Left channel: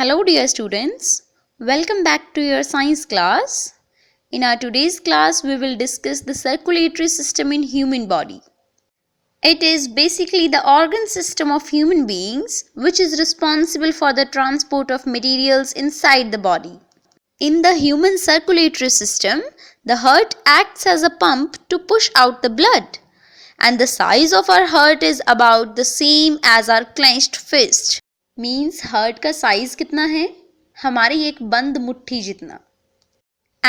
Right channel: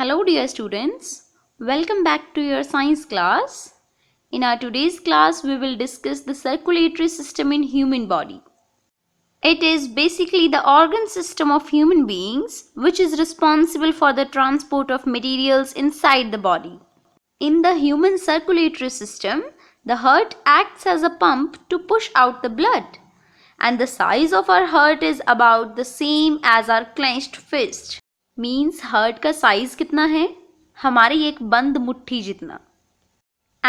Hello dear students, welcome back to your science class. In our today's class we will discuss the circulatory system in human body. It is basically the organ system of human beings which is responsible for the transport of materials inside the body. In the human circulatory system, the heart acts as a pump to push out the blood, and the size of our heart is about the same as our clenched fist. Means heart का size कितना है? हमारी एक बंद मुट्ठी जितना.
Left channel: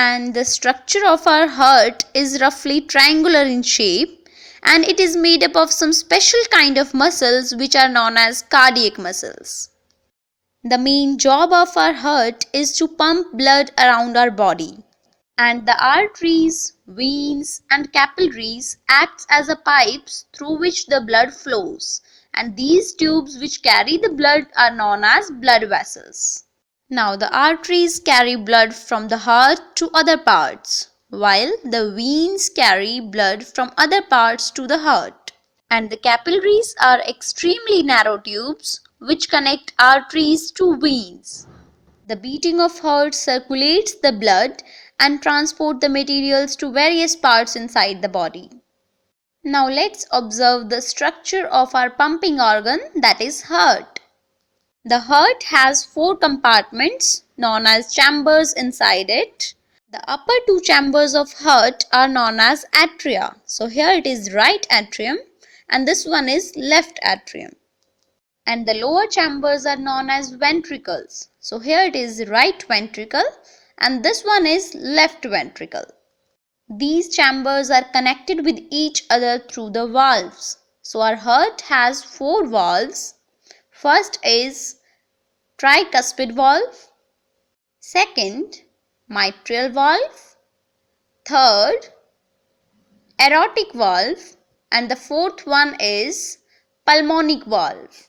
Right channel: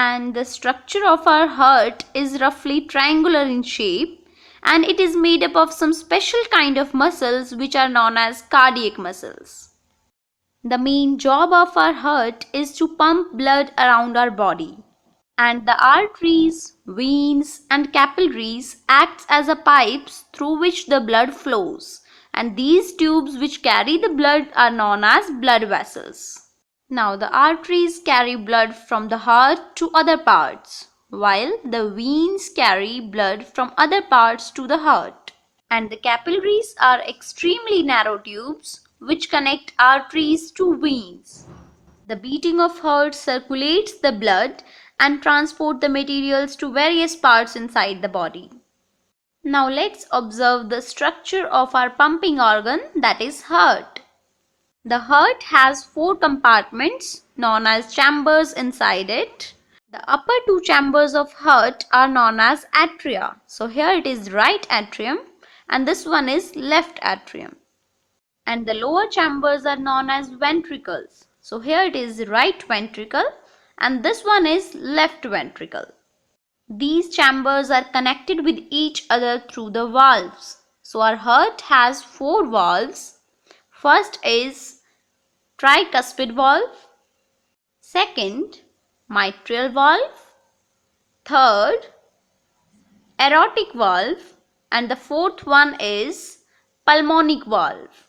And the structure of our heart is roughly triangular in shape, and it is made up of some special kind of muscles which are known as cardiac muscles. The main job of our heart is to pump blood around our body, and the arteries, veins and capillaries act as a pipes through which the blood flows. And these tubes which carry the blood are known as blood vessels. Now the arteries carry blood from the heart to other parts, while the veins carry blood from other parts to the heart. And the capillaries are extremely narrow tubes which connect arteries to veins. The beating of heart circulates the blood and transport the materials to various parts inside the body. Now let's observe the structure of our pumping organ, that is heart. The heart has 4 compartments known as chambers inside it. The upper 2 chambers of heart are known as atria. So here it is right atrium and this one is left atrium. And the lower chambers are known as ventricles. So here it is right ventricle and this one is left ventricle. These chambers are connected with each other through the valves. So our heart has 4 valves. First is tricuspid valve. Second, mitral valve. Third, aortic valve. And the fourth one is pulmonic valve.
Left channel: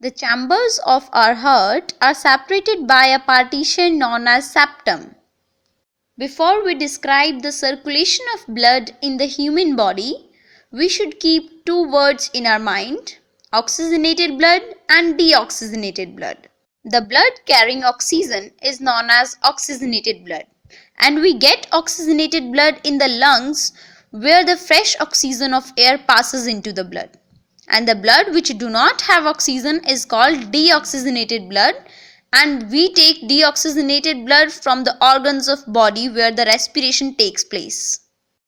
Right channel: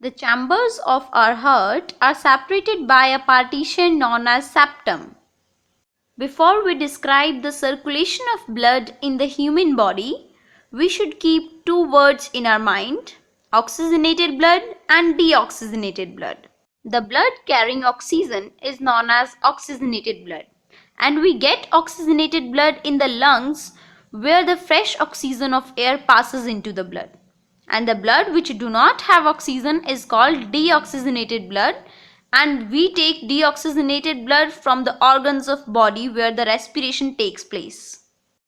The chambers of our heart are separated by a partition known as septum. Before we describe the circulation of blood in the human body, we should keep 2 words in our mind: oxygenated blood and deoxygenated blood. The blood carrying oxygen is known as oxygenated blood, and we get oxygenated blood in the lungs where the fresh oxygen of air passes into the blood. And the blood which do not have oxygen is called deoxygenated blood. And we take deoxygenated blood from the organs of body where the respiration takes place.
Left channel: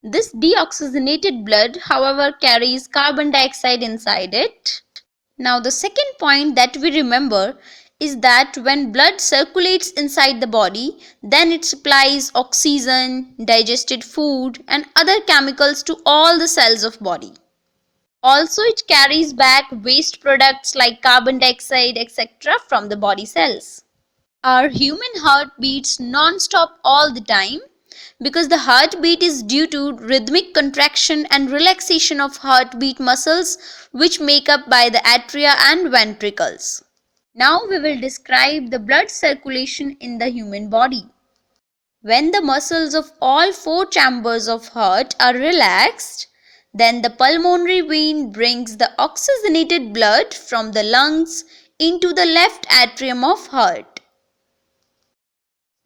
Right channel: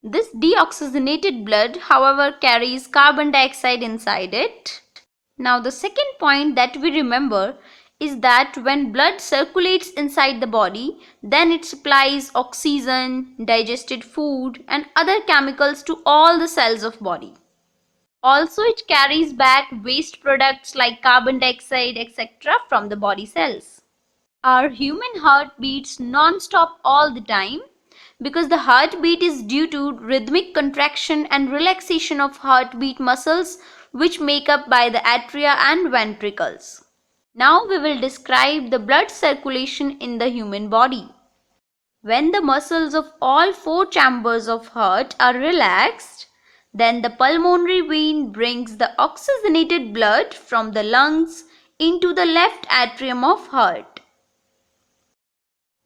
This deoxygenated blood, however, carries carbon dioxide inside it. Now the second point that we remember is that when blood circulates inside the body, then it supplies oxygen, digested food and other chemicals to all the cells of body. Also, it carries back waste products like carbon dioxide, etc. from the body cells. Our human heart beats non-stop all the time because the heartbeat is due to rhythmic contraction and relaxation of heartbeat muscles which make up by the atria and ventricles. Now we will describe the blood circulation in the human body. When the muscles of all 4 chambers of heart are relaxed, then the pulmonary vein brings the oxygenated blood from the lungs into the left atrium of heart.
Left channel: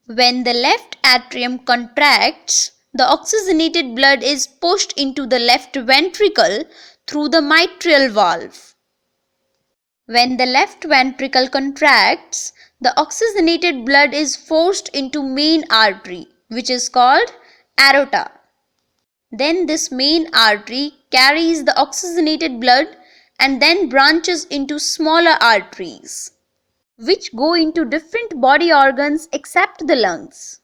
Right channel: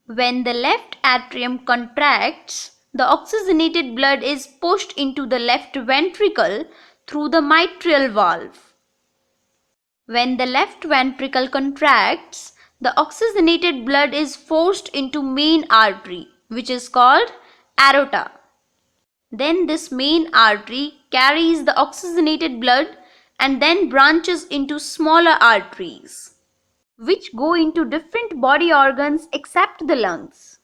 When the left atrium contracts, the oxygenated blood is pushed into the left ventricle through the mitral valve. When the left ventricle contracts, the oxygenated blood is forced into main artery, which is called aorta. Then this main artery carries the oxygenated blood and then branches into smaller arteries, which go into different body organs except the lungs.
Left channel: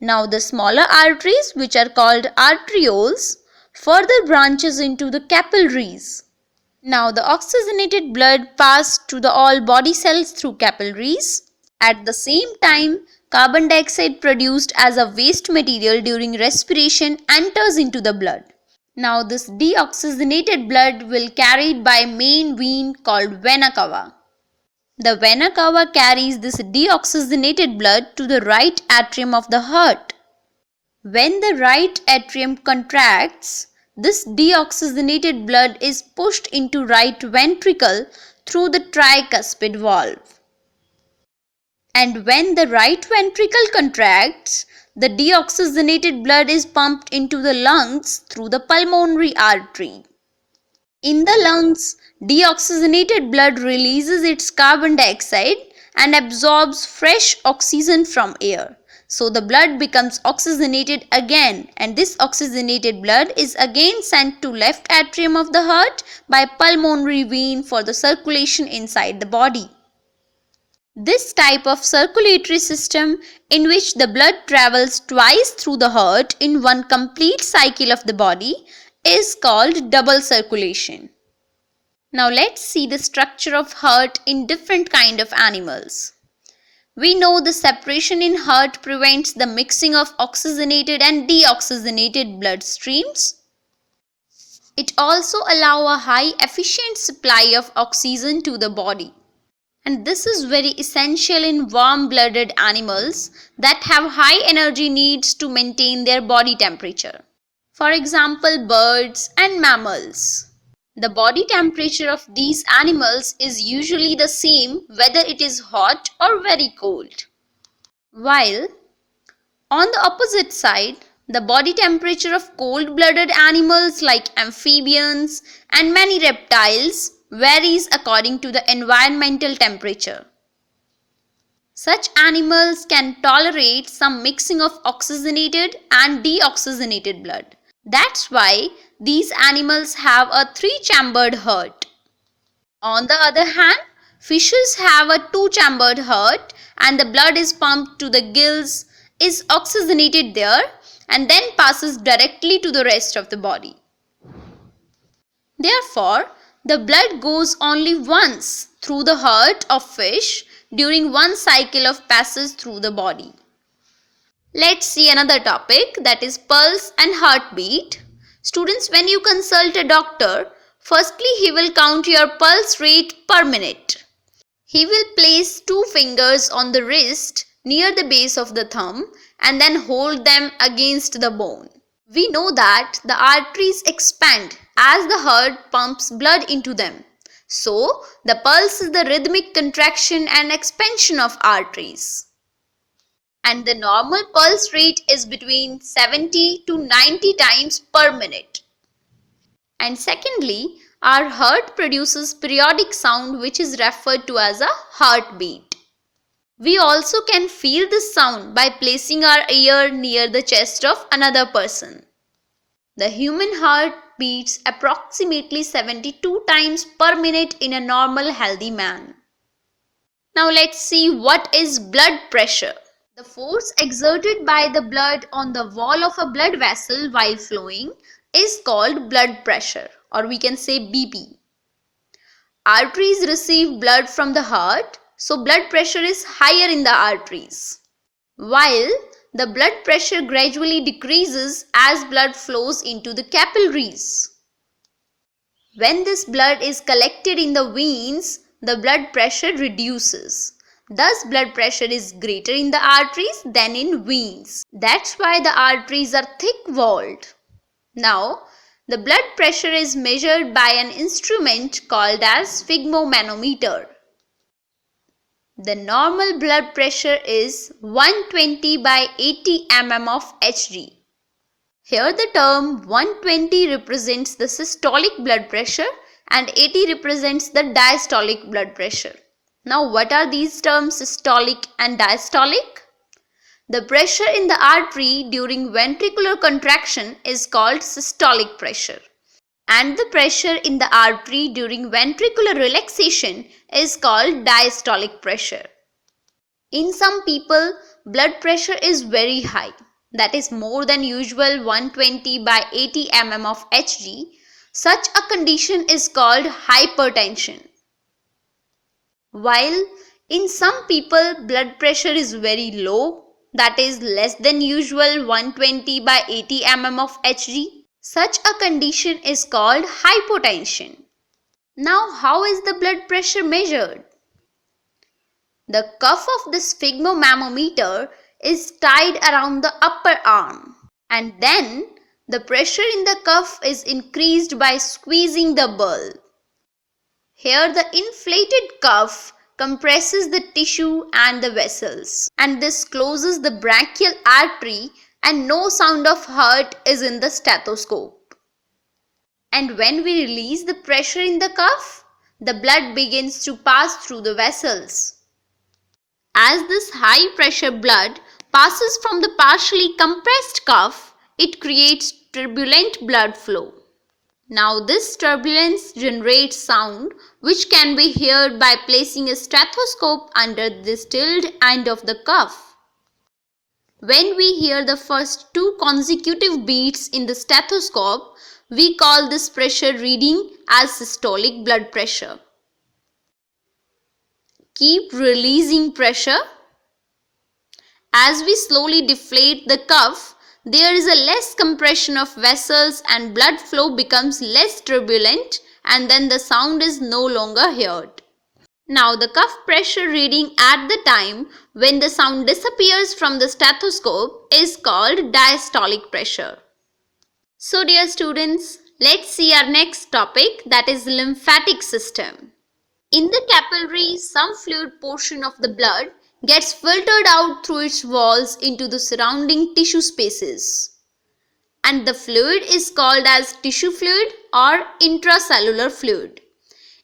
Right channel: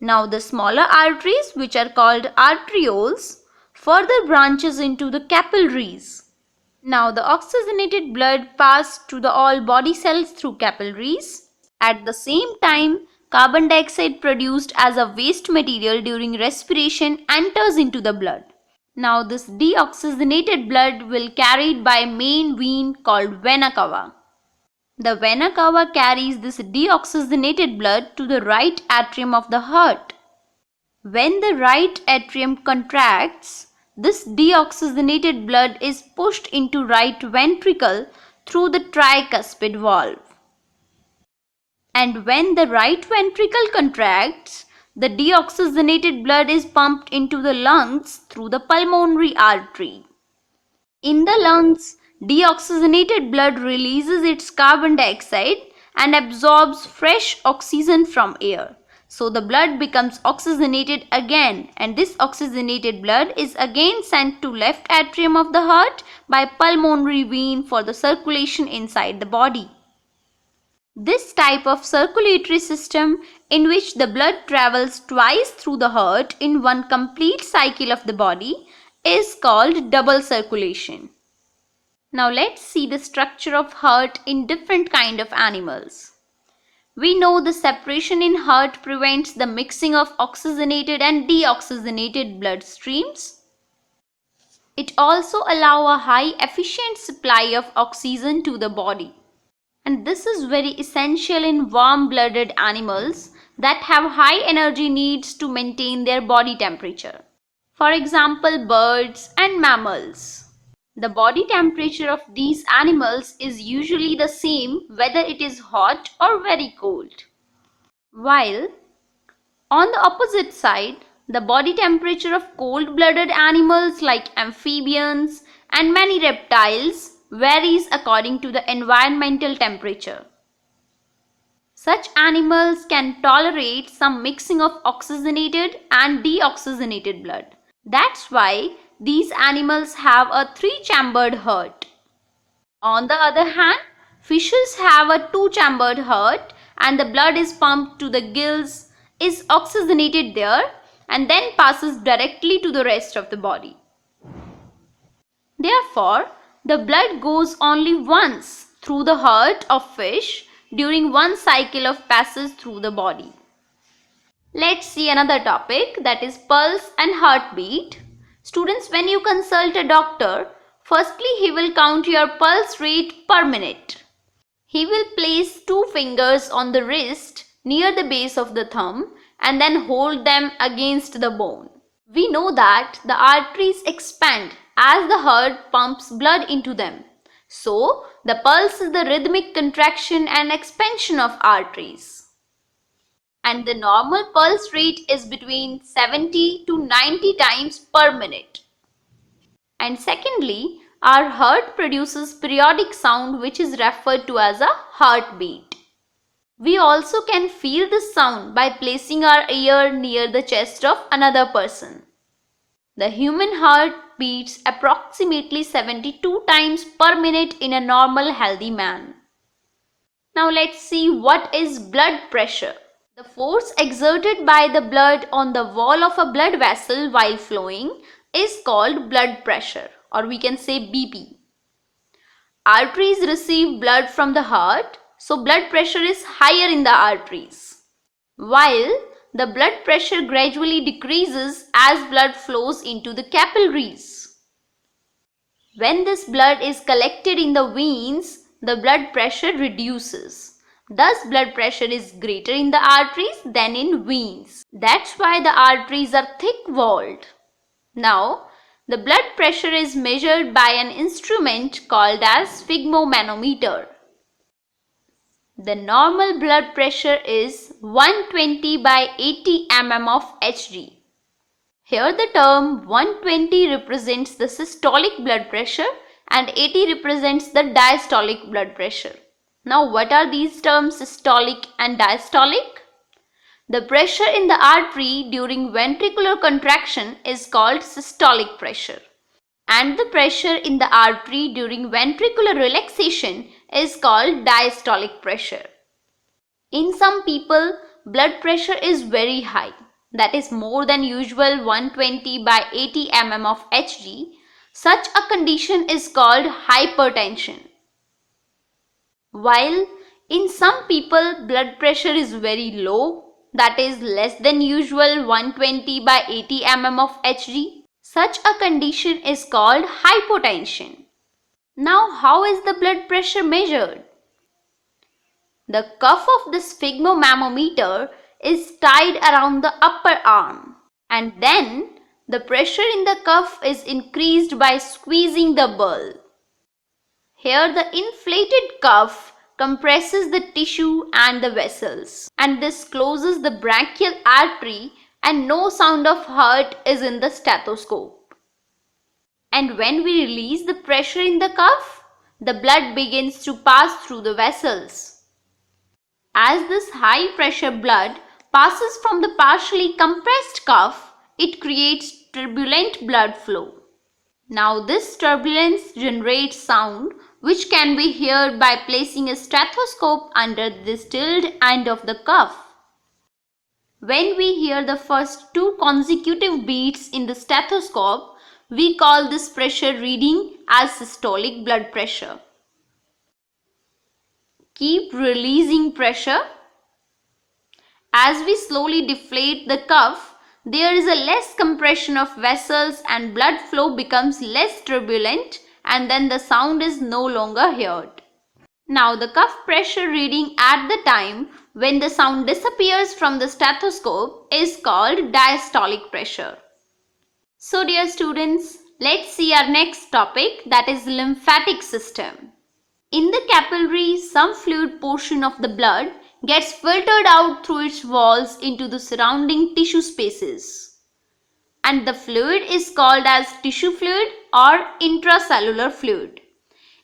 Now the smaller arteries, which are called arterioles, further branches into the capillaries. Now the oxygenated blood passes to the all body cells through capillaries. At the same time, carbon dioxide produced as a waste material during respiration enters into the blood. Now this deoxygenated blood will carried by main vein called vena cava. The vena cava carries this deoxygenated blood to the right atrium of the heart. When the right atrium contracts, this deoxygenated blood is pushed into right ventricle through the tricuspid valve. And when the right ventricle contracts, the deoxygenated blood is pumped into the lungs through the pulmonary artery. In the lungs, deoxygenated blood releases its carbon dioxide and absorbs fresh oxygen from air. So the blood becomes oxygenated again, and this oxygenated blood is again sent to left atrium of the heart by pulmonary vein for the circulation inside the body. This type of circulatory system, in which the blood travels twice through the heart in one complete cycle of the body, is called double circulation. Now let's see the structure of heart in different kind of animals. We know the separation in heart prevents the mixing of oxygenated and deoxygenated blood streams. It also allows a high efficient supply of oxygen to the body. And this is very essential in warm-blooded animals that have high energy needs to maintain their body temperature. For example, birds and mammals. The body temperature of these animals is usually the same whether it is hot or very cold. While on the opposite side, the body temperature of cold-blooded animals like amphibians and many reptiles varies according to the environmental temperature. Such animals can tolerate some mixing of oxygenated and deoxygenated blood. That's why these animals have a three-chambered heart. On the other hand, fishes have a two-chambered heart, and the blood is pumped to the gills, is oxygenated there, and then passes directly to the rest of the body. Therefore, the blood goes only once through the heart of fish during one cycle of passage through the body. Let's see another topic, that is pulse and heartbeat. Students, when you consult a doctor, firstly he will count your pulse rate per minute. He will place two fingers on the wrist near the base of the thumb and then hold them against the bone. We know that the arteries expand as the heart pumps blood into them. So, the pulse is the rhythmic contraction and expansion of arteries. And the normal pulse rate is between 70 to 90 times per minute. And secondly, our heart produces periodic sound which is referred to as a heartbeat. We also can feel this sound by placing our ear near the chest of another person. The human heart beats approximately 72 times per minute in a normal healthy man. Now let's see what is blood pressure. The force exerted by the blood on the wall of a blood vessel while flowing is called blood pressure, or we can say BP. Arteries receive blood from the heart, so blood pressure is higher in the arteries, while the blood pressure gradually decreases as blood flows into the capillaries. When this blood is collected in the veins, the blood pressure reduces. Thus, blood pressure is greater in the arteries than in veins. That's why the arteries are thick-walled. Now, the blood pressure is measured by an instrument called as sphygmomanometer. The normal blood pressure is 120 by 80 mm of Hg. Here the term 120 represents the systolic blood pressure and 80 represents the diastolic blood pressure. Now what are these terms, systolic and diastolic? The pressure in the artery during ventricular contraction is called systolic pressure, and the pressure in the artery during ventricular relaxation is called diastolic pressure. In some people, blood pressure is very high, that is more than usual 120 by 80 mm of Hg. Such a condition is called hypertension. While in some people blood pressure is very low, that is less than usual 120 by 80 mm of Hg, such a condition is called hypotension. Now how is the blood pressure measured? The cuff of the sphygmomanometer is tied around the upper arm, and then the pressure in the cuff is increased by squeezing the bulb. Here the inflated cuff compresses the tissue and the vessels, and this closes the brachial artery, and no sound of heart is in the stethoscope. And when we release the pressure in the cuff, the blood begins to pass through the vessels. As this high pressure blood passes from the partially compressed cuff, it creates turbulent blood flow. Now this turbulence generates sound which can be heard by placing a stethoscope under the distilled end of the cuff. When we hear the first 2 consecutive beats in the stethoscope, we call this pressure reading as systolic blood pressure. Keep releasing pressure. As we slowly deflate the cuff, there is a less compression of vessels and blood flow becomes less turbulent, and then the sound is no longer heard. Now the cuff pressure reading at the time when the sound disappears from the stethoscope is called diastolic pressure. So dear students, let's see our next topic, that is lymphatic system. In the capillaries, some fluid portion of the blood gets filtered out through its walls into the surrounding tissue spaces, and the fluid is called as tissue fluid or intracellular fluid.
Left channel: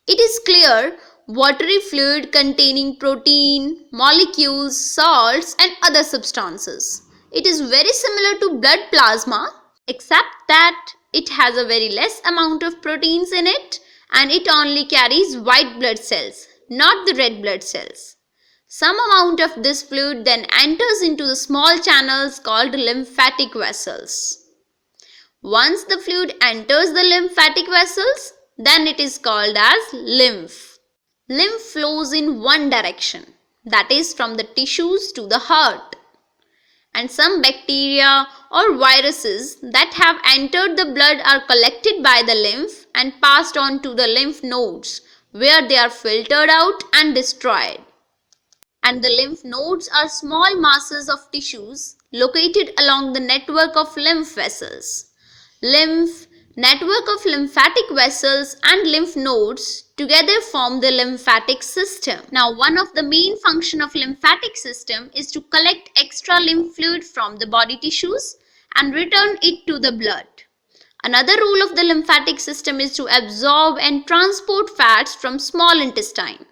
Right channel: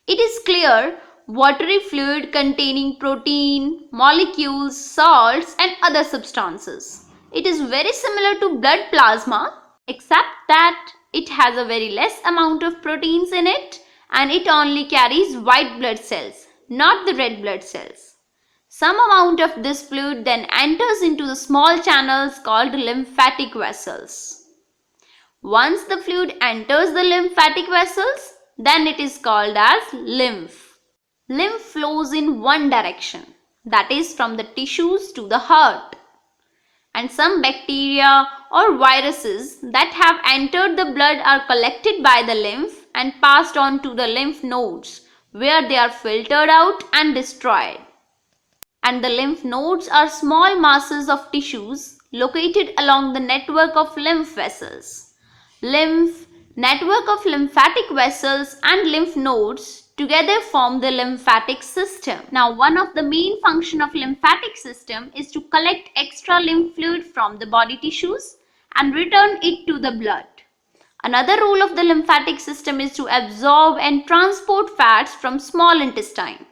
It is clear, watery fluid containing protein, molecules, salts and other substances. It is very similar to blood plasma, except that it has a very less amount of proteins in it, and it only carries white blood cells, not the red blood cells. Some amount of this fluid then enters into the small channels called lymphatic vessels. Once the fluid enters the lymphatic vessels, then it is called as lymph. Lymph flows in one direction, that is from the tissues to the heart. And some bacteria or viruses that have entered the blood are collected by the lymph and passed on to the lymph nodes, where they are filtered out and destroyed. And the lymph nodes are small masses of tissues located along the network of lymph vessels. Lymph, network of lymphatic vessels and lymph nodes together form the lymphatic system. Now, one of the main function of lymphatic system is to collect extra lymph fluid from the body tissues and return it to the blood. Another role of the lymphatic system is to absorb and transport fats from small intestine.